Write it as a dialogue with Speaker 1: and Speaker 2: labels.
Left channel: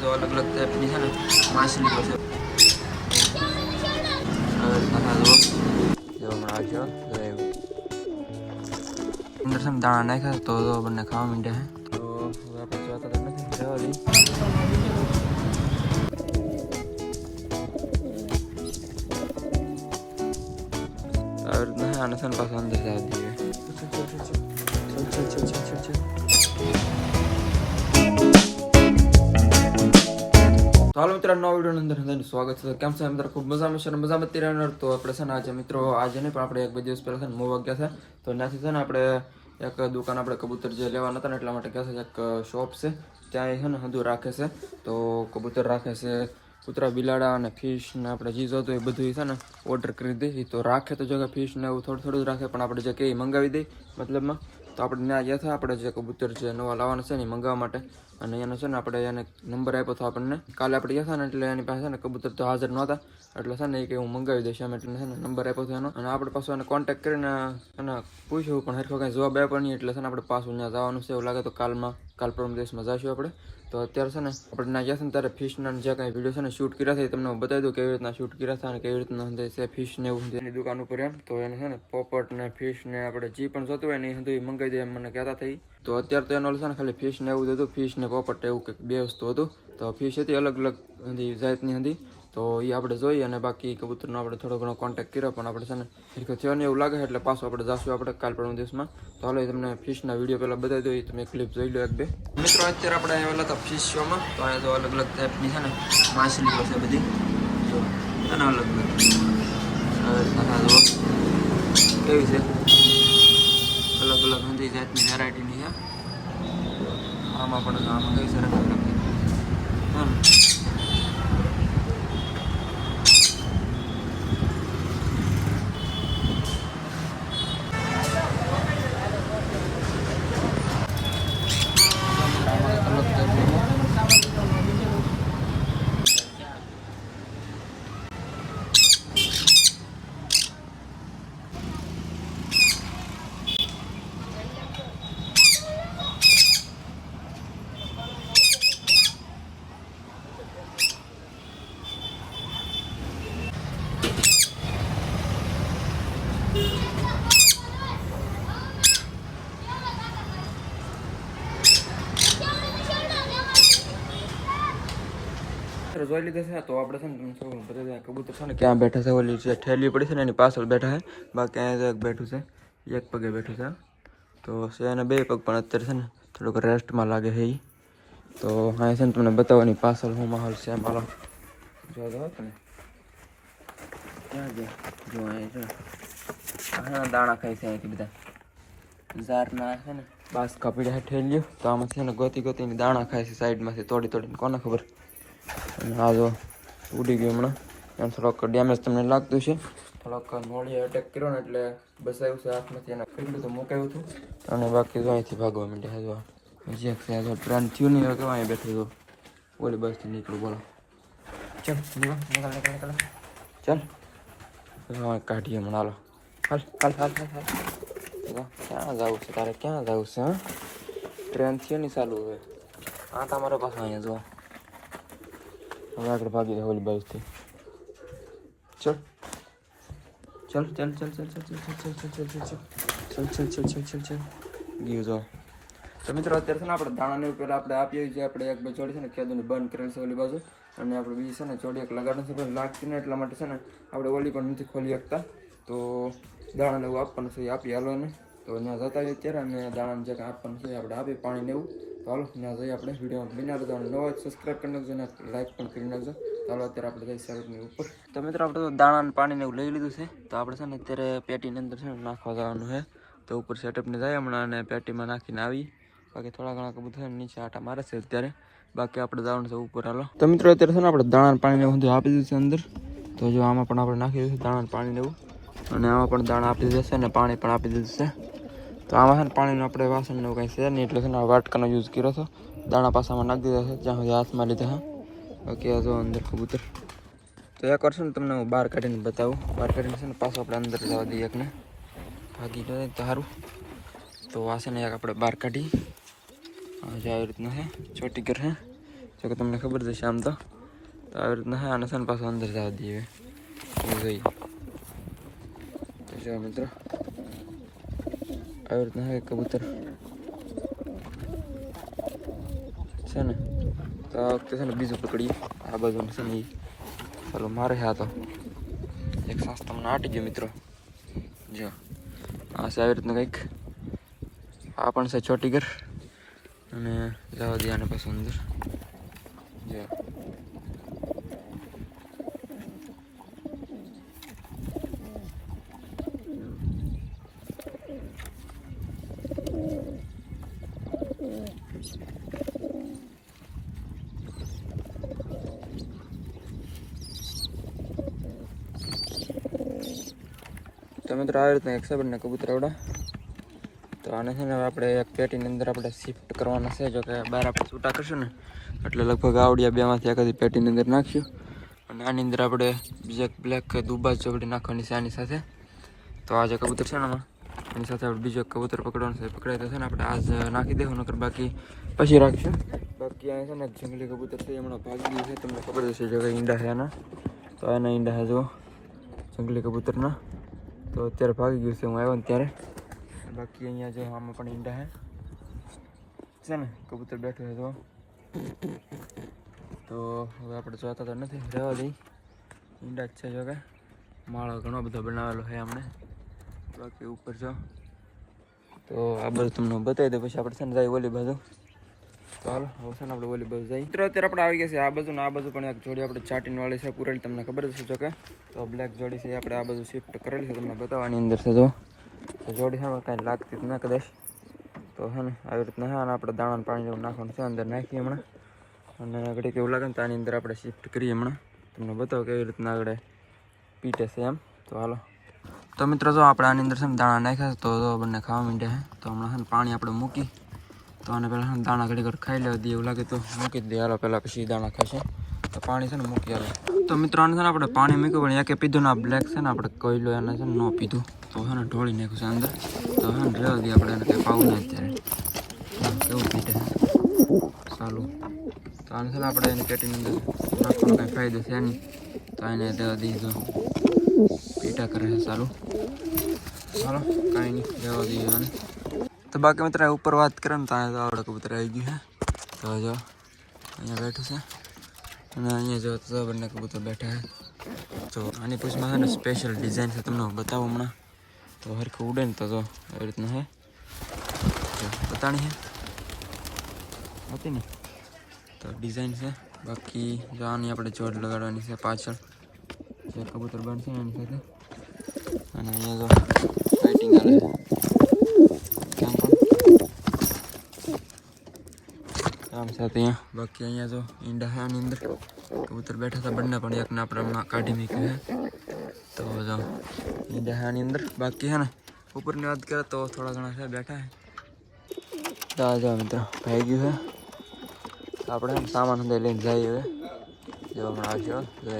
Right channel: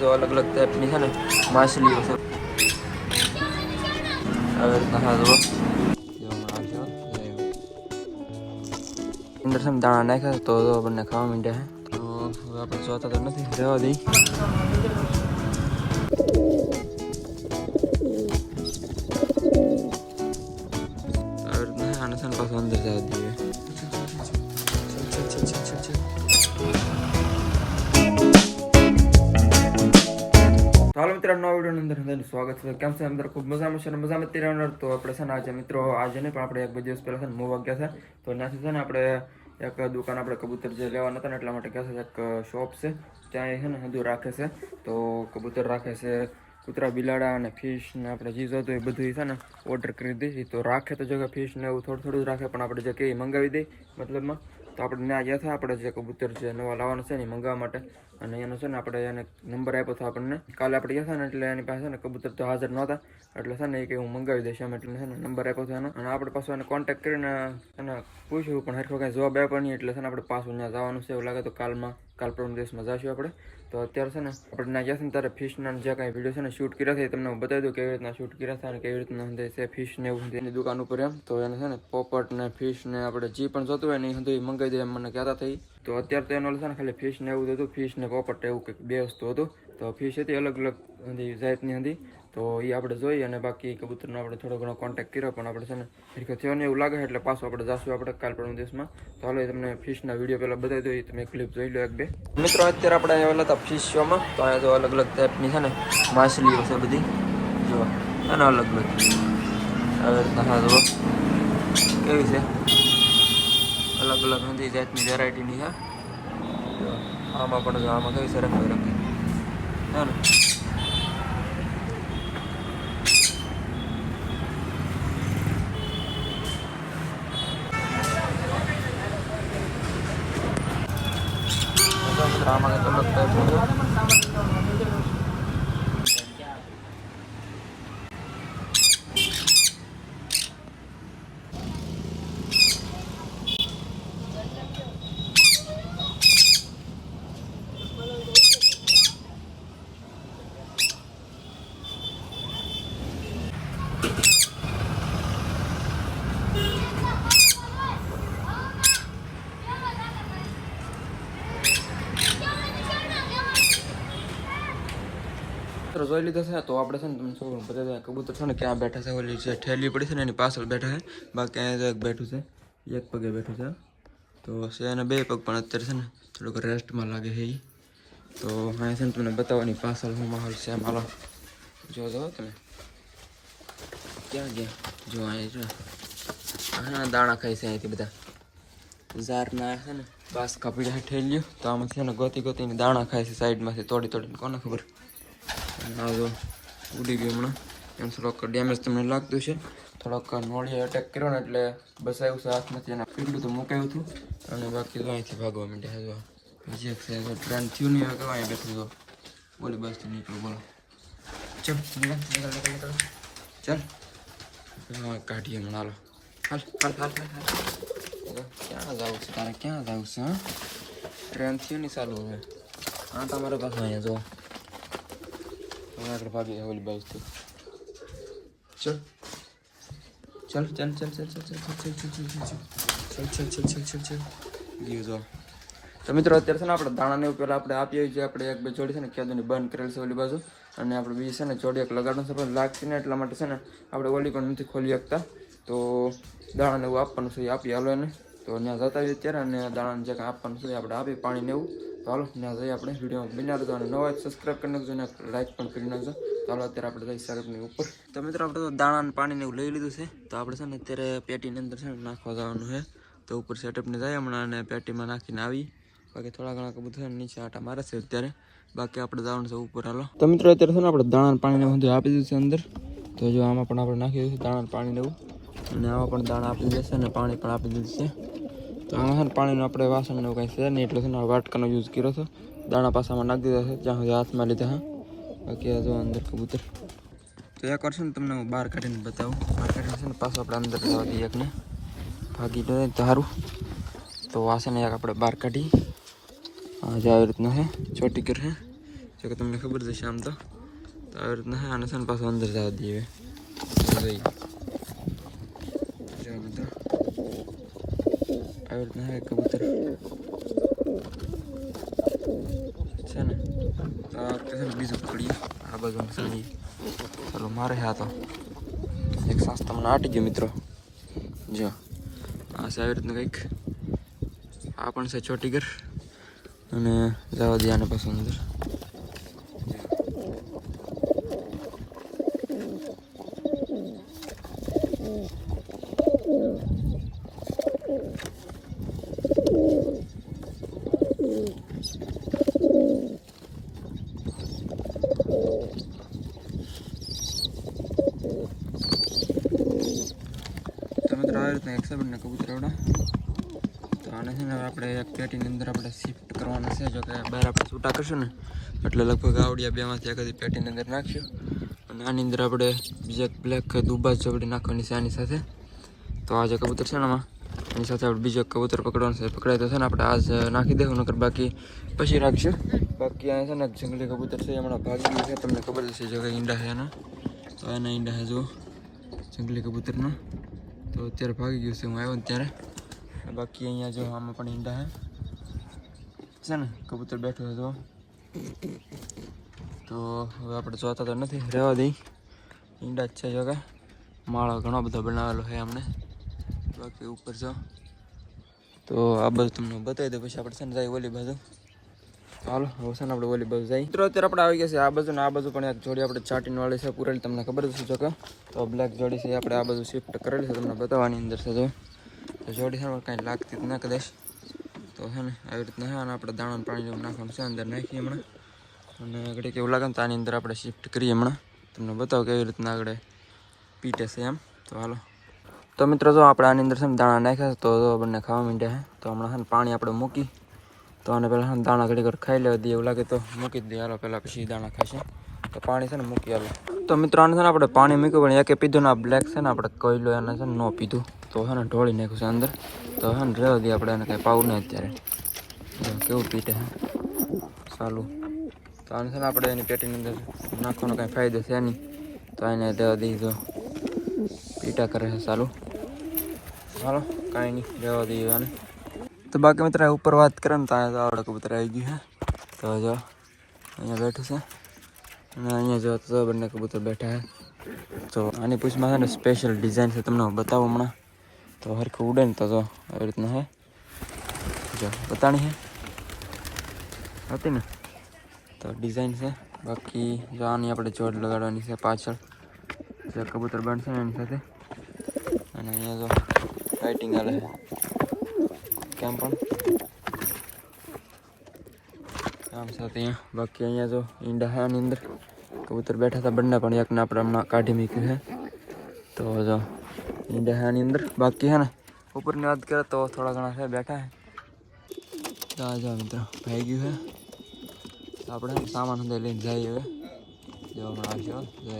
Speaker 1: તો અલગ અલગ ટાઈપની છે ને માછલીઓ છે. અંદર છે દાણા નાખ્યા તો આપણને ખાવા માંડ્યા છે. તો આપણે જોતા તો નથી રહેવા દઈ આવી રીતના આને છે ને પાછું અંદર જવા દઈએ. હાલો મિત્રો, નવા વીડિયો અંદર બધાનું સ્વાગત છે. કેમ છે? અંદર ખૂબ મજામાં છે મજામાં જ રહેનાર તો આપણે છે ને આજે મિત્રો, આજે નહીં, પણ આપણે એક બે દિવસ પહેલાં છે ને મૂવ ગયા છે. તો ત્યાંથી છે ને આપણે એક દુકાન આપણે કબૂતર જે લેવાના હતા ને એટલા માટે ગયા છે, એક શોપ છે. ત્યાં છે ને હજુ રાખે છે. તો કબૂતર રાખે છે, કૂતરા બિલાડા અને ફિશ ને આપણે જે તો એ બધું છે ને ઓર્ડર કરી દઈએ તો રાખે તો જો કે ફિશ ને એવું થોડું થોડું રાખે, પણ આપણે જે કંઈ મંગાવી દઈએ મતલબમાં. તો આપણે ત્યાં ગયા હતા, આપણે જે કબૂતર જે નવા લાવવાના છે ને મંગાવવા માટે. અને એનો છે ને આપણે એને નંબર આપ્યો હતો આપણને. કાલે આપણે ગયા ને એટલે એની પાસે ને કબૂતર તો હાજર નહોતા. એટલે છે ને એ કે હું મંગાવી દઈશ એમ એટલે છે ને નંબર આપ્યો હતો એનો. અને આપણે પાછું એને કોન્ટેક્ટ કરીને એને પૂછ્યું, પણ હરખો કાંઈ જવાબ આપ્યો નહીં એટલે છે ને આપણે પાછું ત્યાં જવાનું છે એવું લાગે તો કાલમાં, કાલ પરમ દિવસમાં જઈશું આપણે. તો અત્યારે છે ને આપણે ત્યાં ગયા છે ને ત્યારે ફિશના જે કાંઈ વીડિયો છે ને શૂટ કર્યા છે એ તમને બતાવી દઉં કેવી રીતના શૂટ કર્યા હતા અને કેવી રીતના છે ફિશ ને એવું એની દુકાન ઉપર એમ. તો એને છે ને પોપટ ને ફિશ ને આપણે જે પણ જોતું હોય ને એ મંગાવી દે એમ મને કહેતા થઈ તો અત્યારે તો એનો છે ને ખાલી ફિશ ને એવું હતું. ફિશ ને પોપટ એવું કંઈક બે વસ્તુ હતું. તો ફિશ હતી અલગ અલગ હતી, જાતની હતી. તો એ આપણે જોઈએ અને બાકી કબૂતરનો આપણે થોડો ઘણો કોન્ટેક્ટ કર્યો. પણ આપણે છે ને હરખો થયો ને એવું લાગે એટલે પાછું આપણે જાશું આપણે કાલ પણ દિવસમાં. તો હાલો તમને ફિશના વીડિયો પહેલાં બતાવી દો એ તમે ક્લિપ જોઈ લો એક બે. મિત્રો, અત્યારે આપણે અહીંયા હતા ફિશ શોમાં. તો અહીંયા તો અલગ અલગ ટાઈપની છે ને માછલીઓ છે બધી. જુઓ. અને અલગ અલગ. હા જુઓ. કેવી છે? અલગ અલગ બધી જાતની વેરાયટીની છે. આમાં પણ આમાં કઈ સરસ સરસ હા ને આમાં કંઈક અલગ ટાઈપનું મિત્રો જોઈ લીધો છે, તો આપણે છે ને તમને શું બધા કબૂતર છે ને ક્યાં બેઠા છે, ઓલી જે ઠેલી પડી છે ને એની પાછળ બેઠા છે, બાકી અહીંયા એક બેઠું છે, એક પગે બેઠું છે. તો છે એને બે પગ પણ અત્યારે છે ને થોડુંક રેસ્ટમાં લાગે છે તો અહીંયા છે ને તમને બતાવવાની પાછળ હું માહોલ છે મારો જો જો, તમે. ક્યાં ગયા? જો, અહીંયા હા દાણા ખાય છે અહીંથી બધા. ઝારના છે ને બાસ કાપીડા ઠેલ્યો તો આમાં છે ને ગોતી ગોતીને દાણા ખાય છે સાઈડમાંથી, તોડી તોડીને, કોને ખબર? આ જો ઉડી ગયું હમણાં. એમ થોડોક ડેમેજ તમને લાગતું છે થોડોક નોળીએ અટેક કર્યો ને એટલે બસાયું છે હાથમાંથી એને. પીડ્યું તો મૂકાયું હતું. અને બાકી જો અહીંથી ભાગવા માંડ્યા જો. હજી સાહેબ પ્લાન થયું નહીં તો અહીં બેઠું જો બોલી બસથી નીકળું, બોલો. ચાલ, નીકળ નીકળ નીકળ નીકળ. ચાલ. કાઢીએ હમણાં, હાલો. હાલ હાલ હાલ હાલ હાલ. ક્યાં જવું છે? તારે ક્યાં જવું છે, હા? ટ્રેન થયો નહીં ચાલુ હવે. હા, તમારો પાસે અહીંયા, જો. હવે આગળ ભાગી જાય ઓલી બાજુથી ચલ ચલ ચલ ચલ ચલ ચલ ચલ ચલ ચલ ચલ ચલ ચલ ચલ ચલ ચલ ચલ ગયું જો તો મિત્રો અત્યારે છે ને આપણે દાણાને એવું પહેલાં આપણે આપીએ છીએ આપણે એક બે જોડી છે ને કેદુની બંધ કરેલ છે ઓલી બાજુ અને આપણે બીજી છે ને જોડી એક લગાડવાનું છે પણ લાગતી ને એટલા માટે છે ને આપણે ઓલી પણ નથી ખોલી શકતા તો દાણાને એવું આપવાનું છે એ આપી હાલો એને તો ત્યાં જતા આવીએ ત્યારે અને દાણાને જે કાંઈ આપવાનું છે આપણે આપી પાણીને એવું હાલો ત્યાં જઈએ આપણે વિડીયોમાં બની નાખજો અને નવા સબસ્ક્રાઈબ કરી નાખજો અને લાઈક પણ કરી નાખજો. ચાલો, અત્યારે આપણે જઈએ શરતની ઉપર. તો મિત્રો, આપણે તો દાણા અને પાણીને એવું લઈ લીધું છે. તો આપણે છે ને અત્યારે પેટીની અંદર છે ને નાખવા જવાનું છે. તો ઉપર સેટઅપને જાય હમણાં અને પેટીમાં નાખીને આવી બાકી થોડા ઘણા કબૂતર નીચે આટા મારે છે અત્યારે. બાકી આપણે જવાનું છે ઉપર, હાલો. તો મિત્રો, અત્યારે છે ને આપણે દાણા પાણી પાણીને બધું આપી દીધું છે અંદર. તો જો આમાં પણ આપણે નાખી દીધું છે દાણા પાણીને એવું. અને આમાં પણ દાણા આપી દીધું છે અને પાણી પણ આપી દીધું છે. તો આમાં છે ને પાણીનું આપણે વાસણ એવું કાંઈ છે નહીં, એટલે છે ને વાટકાનો યુઝ કર્યો હતો દાણા પાસામાં નાખી દીધા છે, જ્યાં સુધી હાથમાં લીધા, હા. બાકી આ જો અંદર કબૂતર. તો એક વાર છે ને તમને હું બહાર કાઢીને બતાવું. બહાર કાઢીને છે ને પાછો આપણે અંદર જવા દઈએ એકને. ભાગી દે તો સારું તો વાસણ એક આપણે બહાર કાઢી. આવી રીતનું છે, ચોટી કર હે. જો કે તમને ખબર જશે આમ તો. આવી રીતના હે આને છે ને પાછું અંદર જવા દઈએ. જોઈએ. જો મિત્રો. આવી રીતના હે કબૂતર છે ને તો આ વખતે છે ને બીજું પકડીએ આ બાજુ છે ને. ચાલો મારે હા તો એક સાસ તમને આટી ગયો મિત્રો જો આ છે આવી રીતના કંઈક આ પણ છે ચોટી ઘર અને જવા દે આને પાછું અંદર તો મિત્રો આવી રીતના એક કબૂતર આવડા. તો આને છે ને આપણે એક પેટીની અંદર આપણે શિફ્ટ કરવાના છે, જો કે બહાર આપણે છૂટા કરશું ને, એટલે લગભગ આવડિયા બેમાંથી એકાદી પેટીની અંદર નાખ્યું. અને આની અંદર આપણે બીજા બ્લેક દુબા ચોપડી નાખવાની છે આની સાથે. તો આ જે કબૂતર છે ને એની સાથે આપણે બીજો કબૂતર પકડવાનું છે, પકડાય તો છે ને આપણે આજ નાખી દેવું, નકર બાકી પછી રાખશું. બાકી અહીંયા છે ને જંગલી કબૂતર છે હમણાં ભાગી ગયું છે, તમને ખબર જ છે જો કે ઈંડા છે એના તો એના ઈંડા છે જો જંગલી કબૂતરના. તો અત્યારે ભાગી ગયું છે, હું આવ્યો ને ત્યારે. બાકી અહીંયા જો આમાં પણ ઈંડા હે. છે ને, કબૂતર બેઠો છે તો હવે આપણે જોતા તો નથી, રહેવા દઈ. ઈંડા જ છે જો કે. માળો ઘણો બધો બનાવેલો છે અમને. બાકી ઉપર જો. તો આ બધું તમને બતાવી દઉં, પછી આપણે છે ને જાય ઓલી બાજુ. ચાલો હવે આપણે ઓલી બાજુ જાય. મિત્રો, અત્યારે આપણે આવી ગયા છે આ બાજુ ને આ બાજુ પણ એક જોડી આપણે ચાટીન વાળી છે પૂરેલી તમને ખબર છે જો કે. તો બ્લેક જોડી છે, આપણે આ બાજુ શિફ્ટ કરેલી છે, તમને બતાવવાની અંદર છે, જો. જોડી છે કાંઈ લાગતી જ ના કદાચ. તો છે ને, આવી રીતના છે, અને આપણે દાણાનું પાણી જેવું નાખવાનું છે, અંદર નાખીએ હમણાં. અને આગળ કેવું લાગે ને, તો આની અંદર આપણે શિફ્ટ કરીએ હમણાં. તમને બતાવો કેવી રીતના આગળ પીટે છે એમ. તો હાલો. તો મિત્રો, જો આપણે આની અંદર છે ને દાણા નાખ્યા તો બંને ખાવા માંડ્યા છે. તો હમણાં છે ને, પાણી આપણે મૂકી તો આને પહેલાં દાણા ઘડી ઘડી ખાઈ લેવા દઈએ. એવું લાગે તો મૂકી દઈએ. હાલો, પહેલાં પછી દાણા ખાશે તો પાણી છે ને મૂકી હાલો તો મિત્રો, આને છે ને આપણે પાણી મૂક્યું, પણ એકે પીધું ને આ બ્લેક છે ને આપણે કોયલો એને છે ને ન પીધું. તો છે ને ઢોળી નાખ્યું છે અંદર. તો છે ને રહેવા દઈએ આપણે એને કંઈ પાવું નહીં અત્યારે. કેવું પીટે સારું તો આને છે ને આપણે એની પેટીની અંદર નાખવાનો કાંઈ ફાયદો છે નહીં. તો એને રહેવા દઈએ તો પીટા કરે છે સારું ચાલો કાંઈ નહીં રહેવા દઈએ આને. તો બાકી મિત્ર ઉપર વાત કરે ને તો અહીંયા આવડે કબૂતર આવી ગયું છે તો જો, અહીંયા બેઠું છે. અને અહીંયા જો તો બંને કબૂતર બેઠા છે તો આની પૂછમાં છે ને સ્પેશિયલ ડિઝાઇન છે તમને હું બતાવું હમણાં. તો હરખું ઉડે ને તો જો, આવી રીતના હે. જો, બતાણી છે હતી ને? તો ડિઝાઇન છે. બાકી જો આની આપણે જોડ લગાડવાની છે પાછળ. જે કબૂતર બનશે એની સાથે. અને અહીંયા જો લાઇટિંગ હાલે. છે આમ પણ આમ છે ત્યાં. બાકી અહીંયા જો ઈંડા હે આની અંદર. કબૂતર બેઠા હતા બંને પણ એકને આપણે હમણાં કાઢી મૂક્યું છે તો જો, ઈંડા હે આની અંદર. બાકી હે ને, ઉપરની વાત કરે તો થોડા ઘણા છે, બેઠા છે તો જો, મિત્રો. થઈ ગયું છે આપણે સામાન અંદર લઈને જઈએ જો હમણાં આવશો જય